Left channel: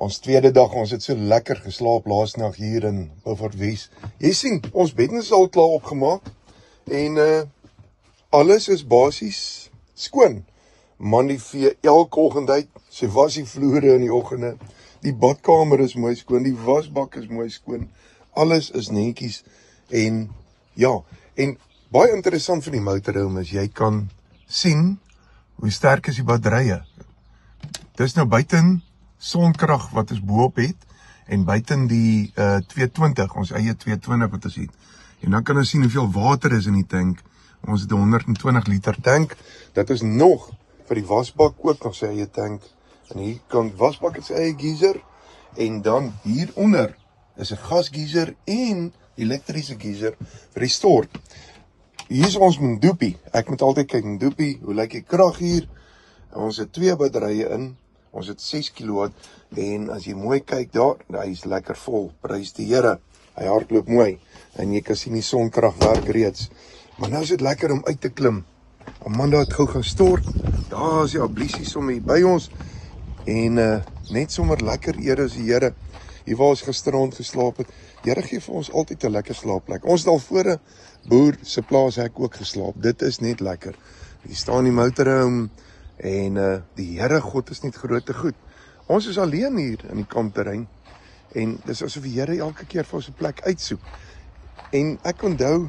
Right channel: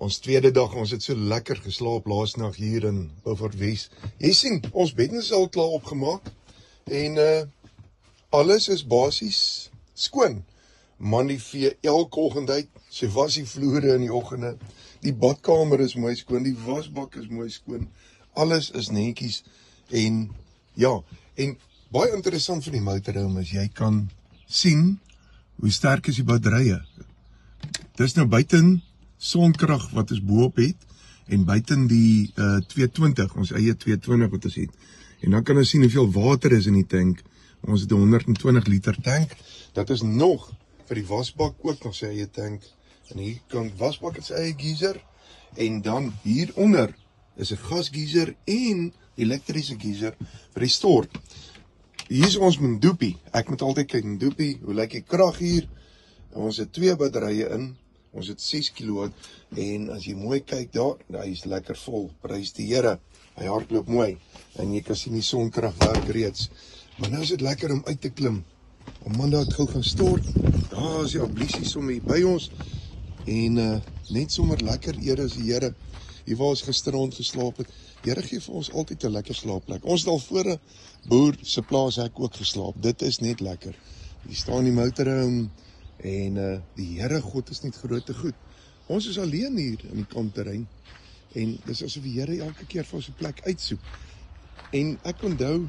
Ons tweede dag, ons het so lekker geslaap laasnag hier in Beaufort Wes. Jy sien, ons beddens is al klaar opgemaak en alles is basies skoon. Man die vee elke oggend uit, sy was die vloere in die oggende. Die badkamer is mooi skoon, die wasbak is mooi skoon. Alles is netjies en ja, en baie interessant van die motorhome is jy kan sien hoe sterk is die batterye. Dis nou buiten sonkrag wat ons boop het en buiten die 220, ons eie 220 wat ons het. En dan kan ons sien hoeveel water is in die tank. Ons het 120 liter tank. Dat is nog vir die wasbak ook nog sy eie tank. En hier kan wasbak het sy eie geyser. En dan hieronder is 'n gasgeyser en elektriese geyser vir die stort. Hier is ons Mdupi. Ek moet altyd kyk Mdupi, hoe lyk die krag hier? Ons het 2 batterye in. Ons het 6 kW en as jy mooi kyk daar, hy is lekker vol. Prys die Here. Hy hardloop mooi en jy kan sien die sonkrag werk reeds. Maar nou is dit lekker om uit te klim. Amanda het gou gaan stort. Daar is die ablissie sommer hier by ons. En net sommer lekker eer is die Here. Hier waar ons gisterand geslaap het. Die Here gee vir ons altyd 'n lekker slaapplek. Ons het al voor 'n boer se plaashek ook geslaap. Dit is net lekker. Hier staan die motorhome en die Here God is net groot te goed. Ons is alleen hier in die kampterrein en dis asof die Here elke keer vir ons 'n plek uitsoek. En ek onthou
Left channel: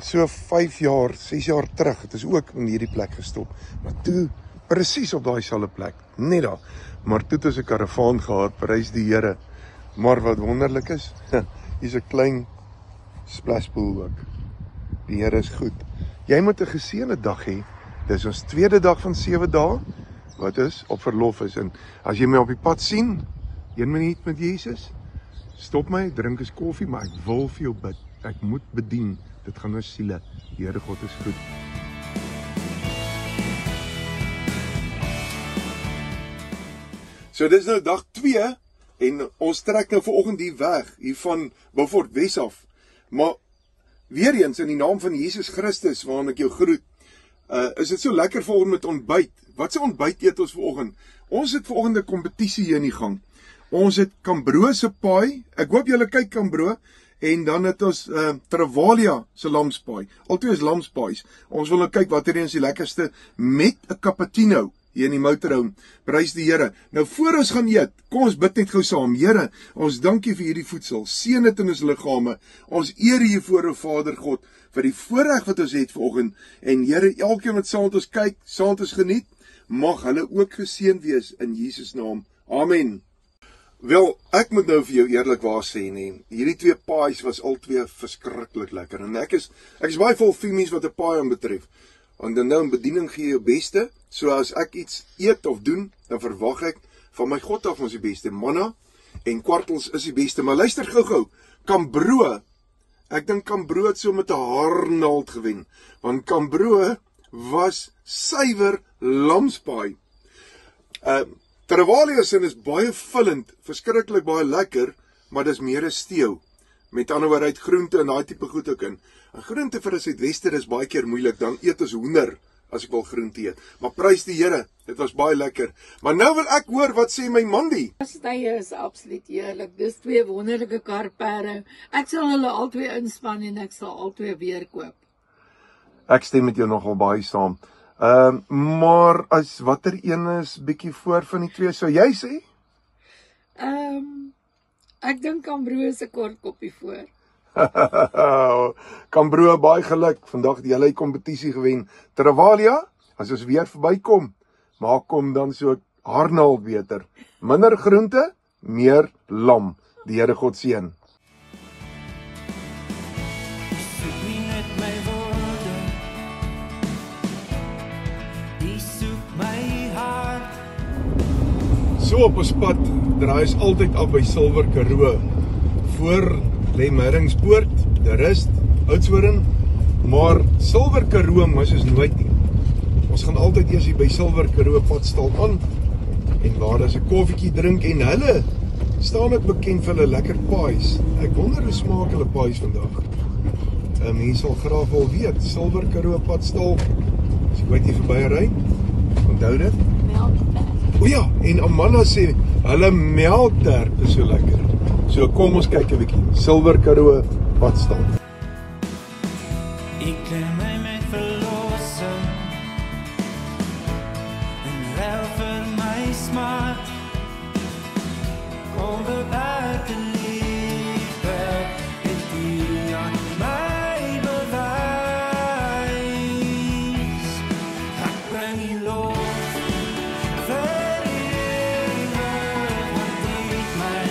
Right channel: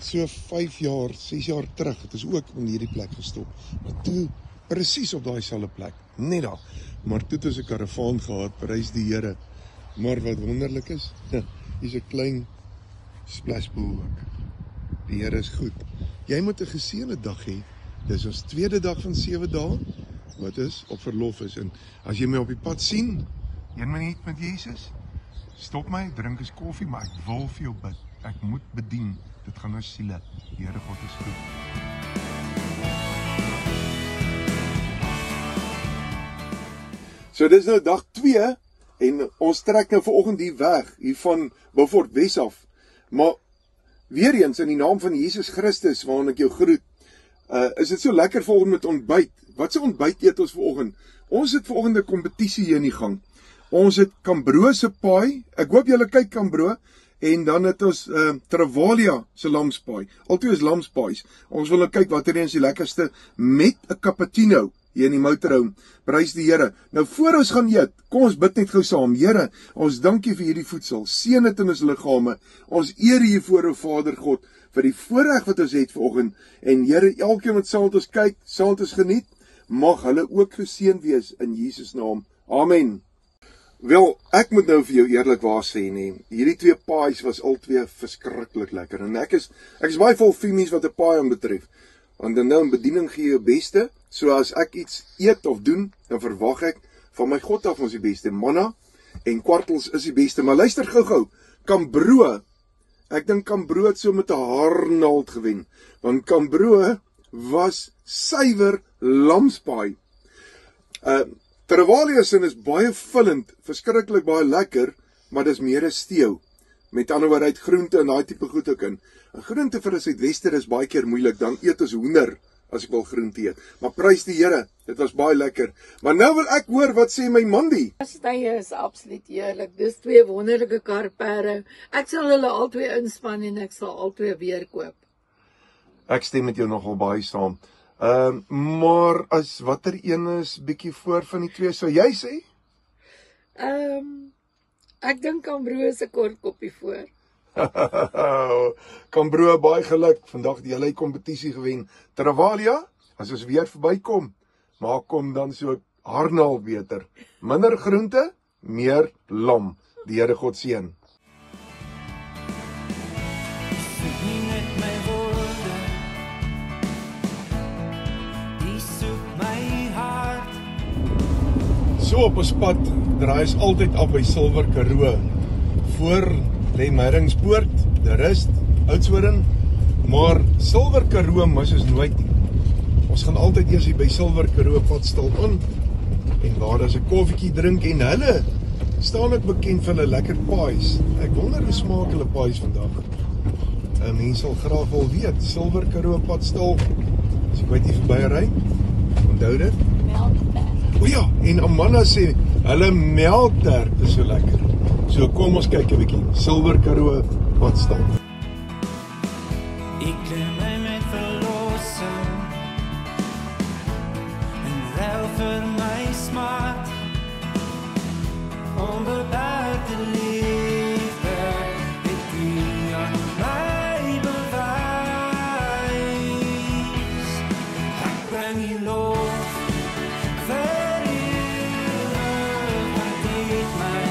so 5 jaar, 6 jaar terug, het is ook in hierdie plek gestop. Maar toe presies op daai selfde plek, net daar. Maar toe het ons 'n karavaan gehad, prys die Here. Maar wat wonderlik is, hier's 'n klein splashpool ook. Die Here is goed. Jy moet 'n geseënde dag hê. Dis ons tweede dag van 7 dae, wat is op verlof is. En as jy my op die pad sien, 1 minuut met Jesus, stop my, drink 'n koffie, maar ek wil vir jou bid. Ek moet bedien. Dit gaan oor siele. Die Here God is goed. So dis nou dag 2 en ons trek nou vanoggend hier weg, hier van Beaufort Wes af. Maar weer eens in die naam van Jesus Christus, waarin ek jou groet, is dit so lekker vanoggend met ontbyt. Wat se ontbyt eet ons vanoggend? Ons het vanoggend 'n kompetisie hier in die gang. Ons het Cambro se paai. Ek hoop julle kyk Cambro. En dan het ons Travalia se lamspaai. Altyd is lamspaais. Ons wil nou kyk watter een is die lekkerste met 'n cappuccino hier in die motorhome. Prys die Here. Nou voor ons gaan eet, kom ons bid net gou saam. Here, ons dankie vir hierdie voedsel. Seën dit in ons liggame. Ons eer U voor O Vader God vir die voorreg wat ons het vanoggend. En Here, elkeen wat saam met ons kyk, saam met ons geniet, mag hulle ook geseën wees in Jesus naam. Amen. Wel, ek moet nou vir jou eerlikwaar sê nie. Hierdie 2 paais was al 2 verskriklik lekker. En ek is baie vol femies wat 'n paai aanbetref. Want dan nou in bediening gee jy jou beste. So as ek iets eet of doen, dan verwag ek van my God af ons die beste. Manna en kwartels is die beste. Maar luister gou-gou. Cambro. Ek dink Cambro het so met 'n haarnaald gewen. Want Cambro was suiwer lamspaai. Travalia sin is baie vullend, verskriklik baie lekker, maar dis meer 'n stew. Met ander woorde uit groente en daai tipe goed ook in. En groente vir 'n Suidwester is baie keer moeilik, dan eet ons hoender as ek wil groente eet. Maar prys die Here, dit was baie lekker. Maar nou wil ek hoor wat sê my Mandy. Stye is absoluut heerlik. Dis 2 wonderlike karpere. Ek sal hulle albei inspann en ek sal albei weer koop. Ek stem met jou nogal baie saam. Maar as watter een is bietjie voor van die 2, sou jy sê? Ek dink Cambro is 'n kort koppie voor. Cambro, baie geluk. Vandag het jy die kompetisie gewen. Travalia, as ons weer verbykom, maak kom dan so haarnaald beter. Minder groente, meer lam. Die Here God seën. Soek nie net my woorde, die soek my hart. So op ons pad draai ons altyd af by Silwer Karoo. Voor lê Meyringspoort, De Rust, Oudtshoorn, maar Silwer Karoo mis ons nooit nie. Ons gaan altyd eers hier by Silwer Karoo padstal aan en waar ons 'n koffietjie drink en hulle staan ook bekend vir hulle lekker paais. Ek wonder hoe smaak hulle paais vandag. Mense sal graag wil weet, Silwer Karoo padstal, as ek ooit hier verby ry, onthou dit? O ja, en Amanda sê, hulle melktert is so lekker. So kom ons kyk 'n bietjie. Silwer Karoo, wat staan? Ik kleer mij met verlossing en ruil vir my smart. Onbeperkte liefde het U aan my bewys. Ek bring U lof vir ewig, want U het my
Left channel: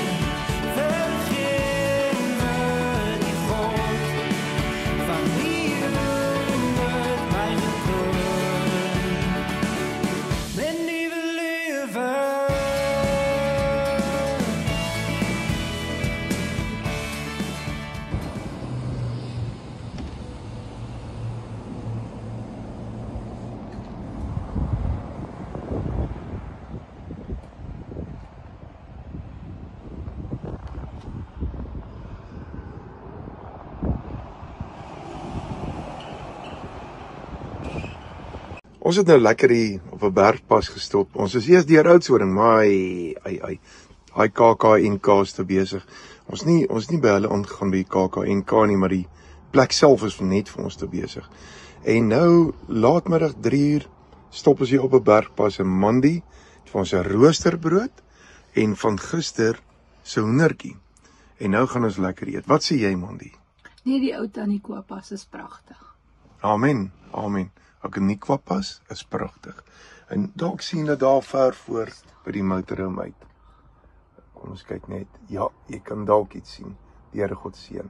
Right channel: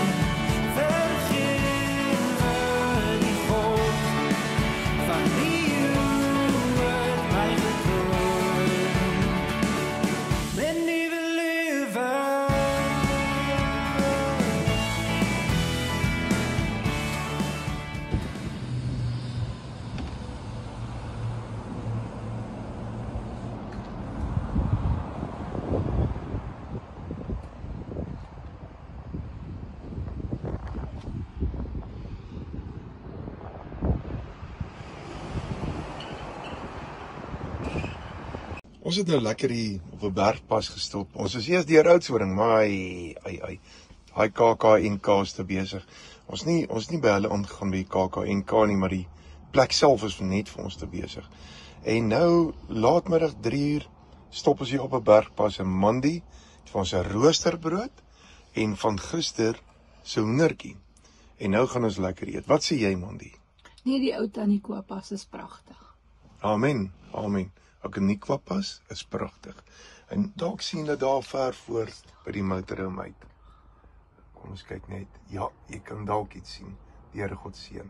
vergewe, die God van wie U het my gekroon met nuwe lewe. Ons het nou lekker hier op 'n bergpas gestop. Ons is eers deur Oudtshoorn, maar hy KAKNK is te besig. Ons nie by hulle aangegaan by die KAKNK nie, maar die plek self is net vir ons te besig. En nou laatmiddag 3:00 stop ons hier op 'n bergpas in Mandi vir ons 'n roosterbrood en van gister se hoendertjie. En nou gaan ons lekker eet. Wat sê jy, Mandi? Nee, die ou tannie Kooppas is pragtig. Amen, amen. Ook 'n Nikwapas is pragtig. En dalk sien jy daar ver voor by die motorhome uit. Kom ons kyk net. Ja, jy kan dalk iets sien. Die Here God seën.